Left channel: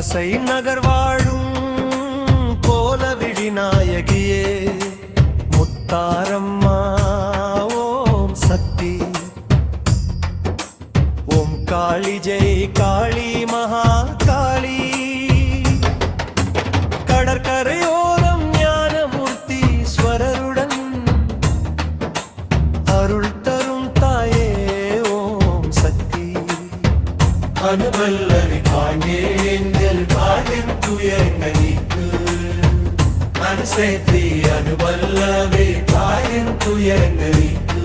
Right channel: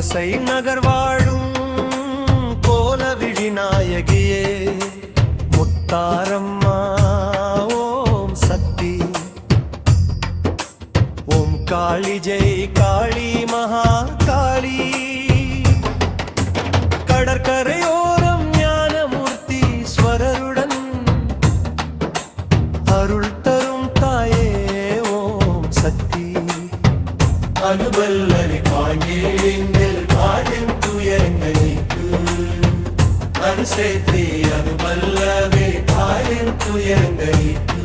குலசை நகர் வாழும் கோலவிழி நாயகியே முத்தாரம்மா ஓம் சக்தி ஓம் காளி ஜெய் காளி மகா காளி கடற்கரையோரம் ஞானமூர்த்தி ஸ்வரருடன் அருள் தரும் தாயே ஓம் சக்தி அனுபல்லரி பாண்டியேந்தில் பாடின் துயரங்கள் நீக்கு அனுசேத்தி அனுபல்லவி பாடின் துயரங்கள் நீக்கு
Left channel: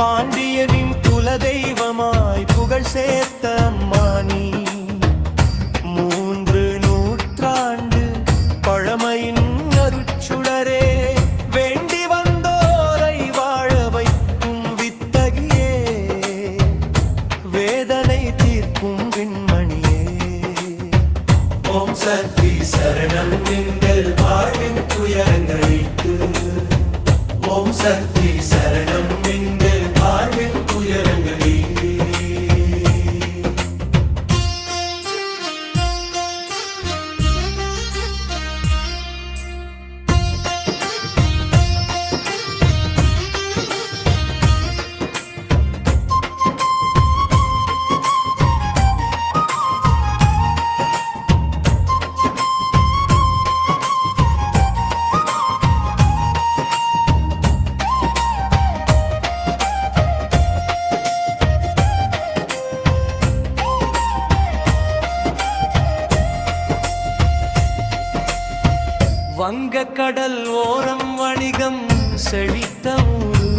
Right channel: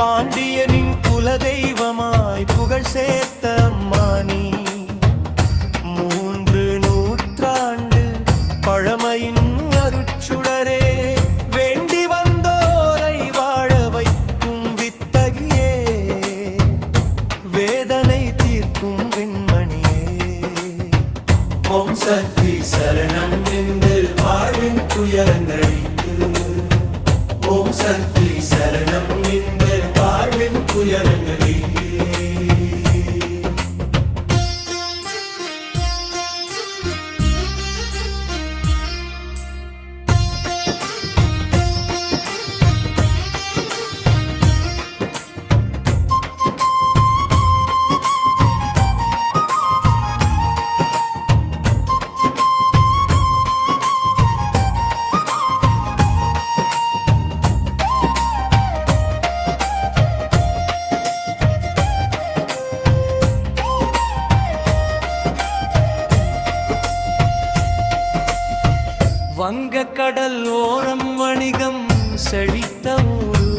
பாண்டியனின் குலதெய்வமாய் புகழ் சேர்த்த அம்மானி 3 நூற்றாண்டு பழமையின் அருச்சுடரே வேண்டி வந்தோரை வாழ வைக்கும் வித்தகியே வேதனை தீர்க்கும் விண்மணியே ஓம் சக்தி சரணம் எங்கள் வாழ்வின் துயரங்களுக்கு ஓம் சக்தி சரணம் எங்கள் வாழ்வின் துயரங்களுக்கு வங்கக்கடல் ஓரம் வணிகம் செழித்த ஊரு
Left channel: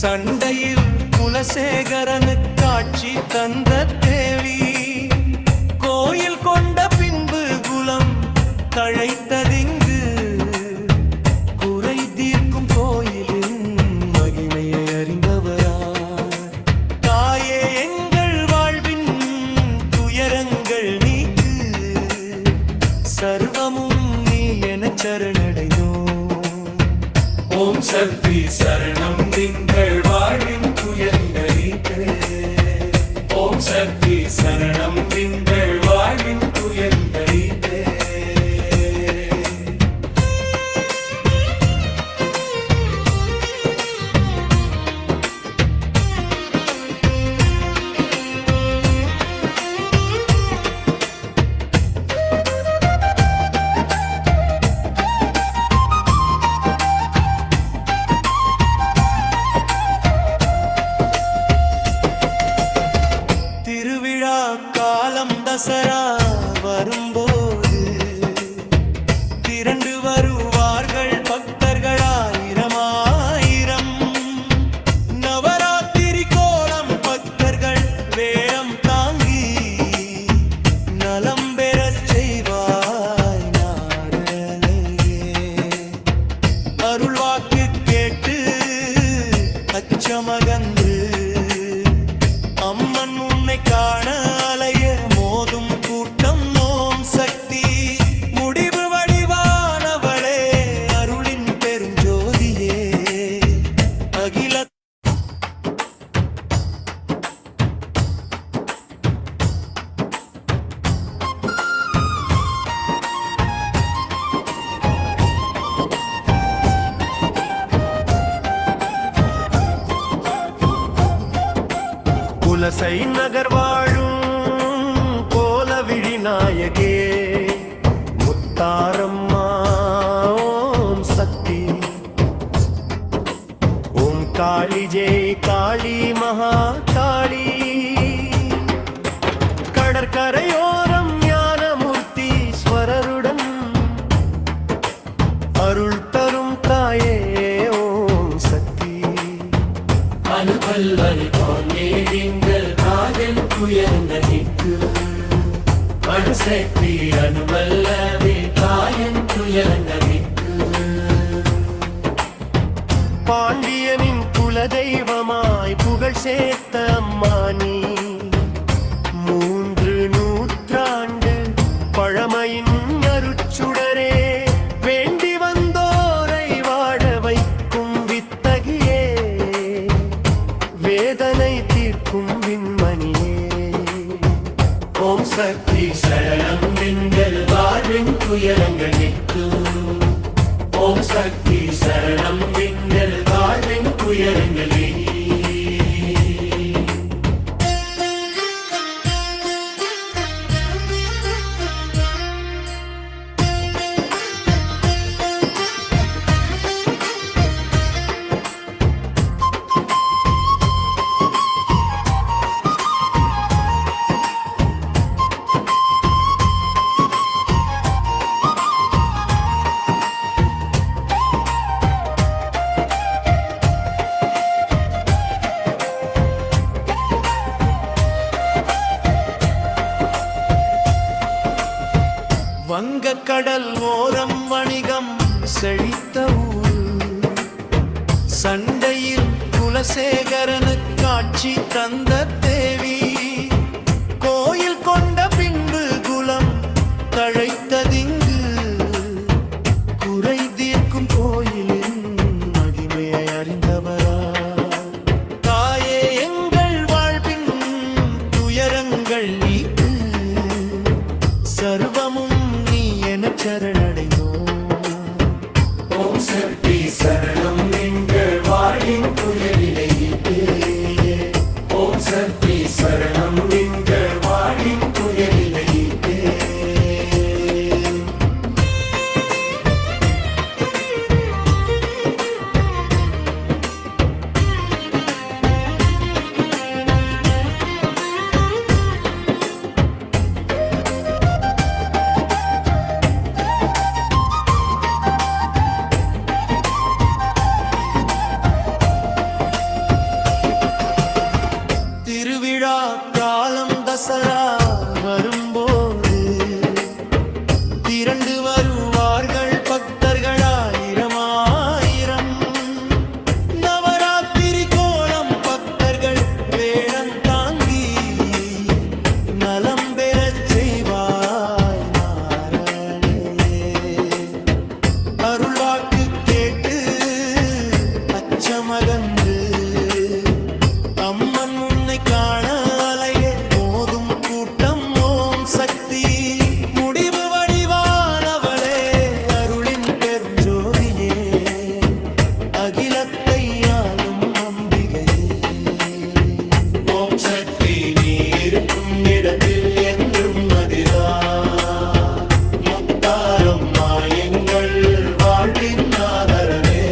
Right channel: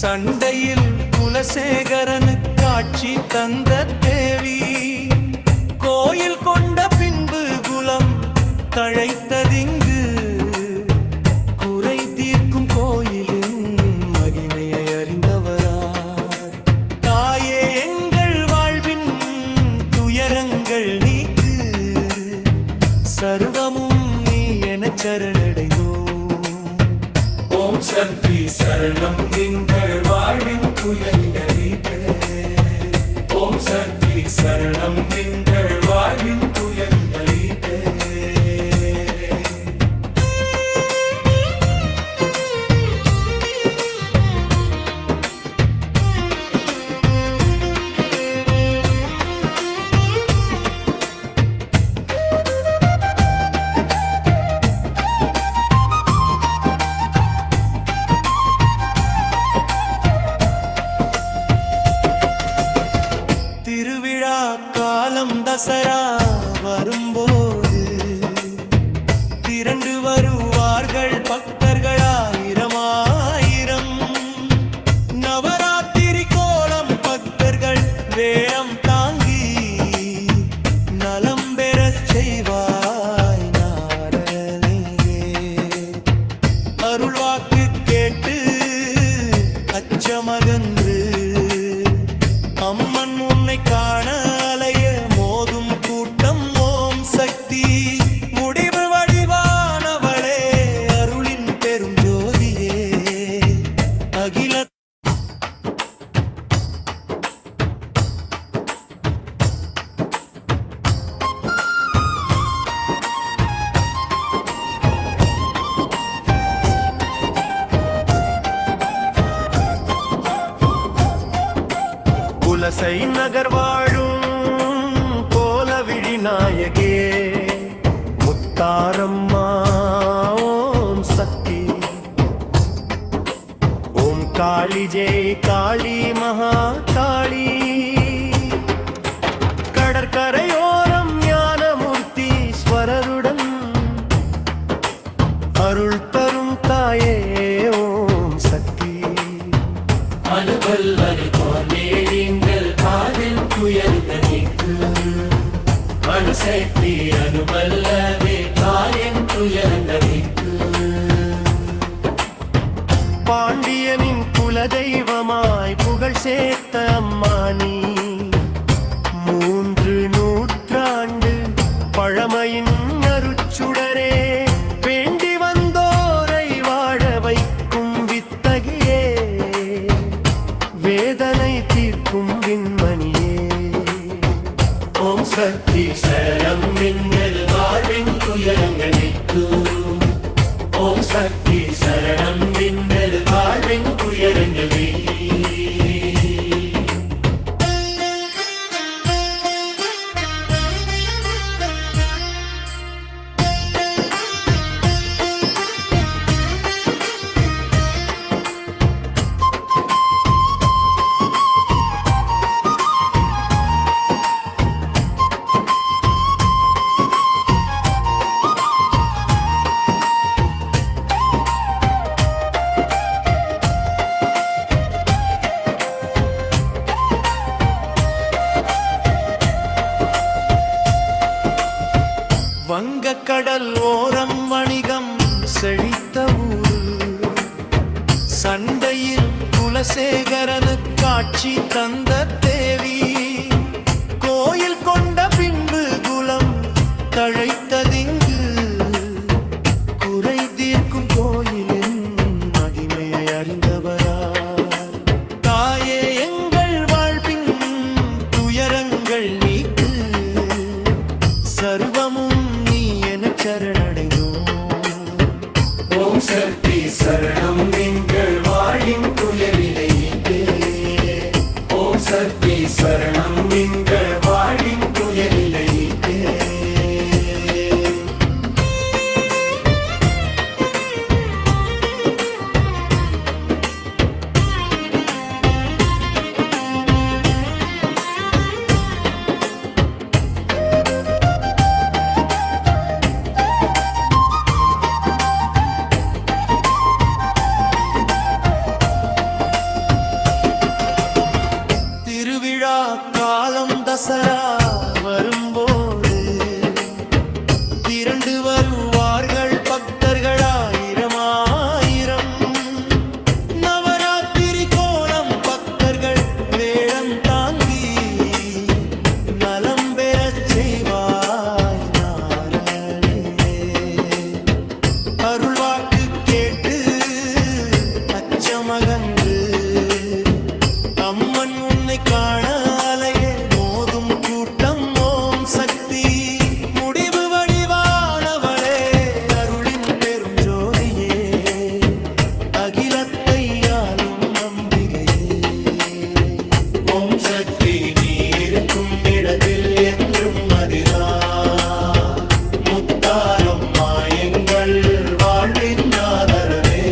சண்டையில் குலசேகரனு காட்சி தந்த தேவி கோயில் கொண்ட பின்பு குலம் தழைத்ததிங்கு குறை தீர்க்கும் கோயிலின் மகிமையை அறிந்தவரார் தாயே எங்கள் வாழ்வின் துயரங்கள் நீக்கு சர்வமும் எனச் சரணடைந்தோம் ஓம் சக்தி சரணம் எங்கள் வாழ்வின் துயரங்களுக்கு ஓம் சக்தி சரணம் எங்கள் வாழ்வின் துயரங்களுக்கு காலம் தசரா வரும்போது திரண்டு வருவார்கள் பக்தர்கள் 1000 நவராத்திரி கோலம் பக்தர்கள் வேடம் தாங்கி நலம் பெறச் செய்வாய் நாரணனே அருள்வாக்கு கேட்டு அச்சமகன்று அம்மன் உன்னை காண அலைய மோதும் கூட்டம் ஓம் சக்தி முடிவு வடிவானவளே அருளின் பெரும் ஜோதியே அகில குலசை நகர் வாழும் கோலவிழி நாயகே முத்தாரம்மா ஓம் சக்தி ஓம் காளி ஜெய் காளி மகா காளி கடற்கரையோரம் ஞானமூர்த்தி ஸ்வரருடன் அருள் தரும் தாயே ஓம் சக்தி அனுபல்வரி பாண்டியேந்தில் பாடின் துயரங்கள் நீக்கு அனுசக்தி அனுபல்லவி தாயின் துயரங்கள் நீக்கு பாண்டியனின் குலதெய்வமாய் புகழ் சேர்த்த அம்மானி 3 நூற்றாண்டு பழமையின் அருச்சுடரே வேண்டி வந்தோரை வாழ வைக்கும் வித்தகியே வேதனை தீர்க்கும் விண்மணியே ஓம் சக்தி சரணம் எங்கள் வாழ்வின் துயரங்கள் நீக்கும். ஓம் சக்தி சரணம் எங்கள் வாழ்வின் துயரங்கள் நீக்கும். வங்கக்கடல் ஓரம் வணிகம் செழித்த ஊர். சண்டையில் குலசேகரனு காட்சி தந்த தேவி. கோயில் கொண்ட பின்பு குலம் தழைத்ததிங்கு. குறை தீர்க்கும் கோயிலின் மகிமையை அறிந்தவரார். தாயே எங்கள் வாழ்வின் துயரங்கள் நீக்கு. சர்வமும் நீ என சரணடைந்தோம். ஓம் சக்தி சரணம் எங்கள் வாழின் துயரினை. ஓம் சக்தி சரணம் எங்கள் வாழின் துயரினை. திருவிழா காலம் தசரா வரும்போது திரண்டு வருவார்கள் பக்தர்கள் ஆயிரம் ஆயிரம். நவராத்திரி கோலம் பக்தர்கள் வேடம் தாங்கி நலம் பெறச் செய்வாய் நாரணே. அருள்வாக்கு கேட்டு அச்சமகன்று அம்மன் உன்னை காண அலையே மோதும் கூட்டம். ஓம் சக்தி முடிவு வடிவானவளே, அருளின் பெரும் ஜோதியே, அகிலத்தை ஆளும் அம்பிகையே. ஓம் சக்தி நீ இருக்கும் இடத்தில் என்றும் மதிரா. முத்தாரம்மா எங்கள் வாழ்வின் ஆதரமே.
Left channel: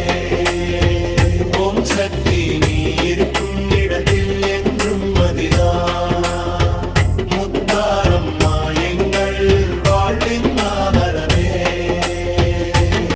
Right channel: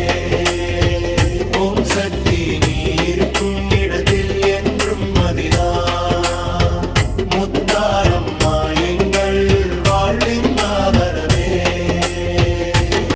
ஓம் சக்தி நீ இருக்கும் இடத்தில் என்றும் மதிரா.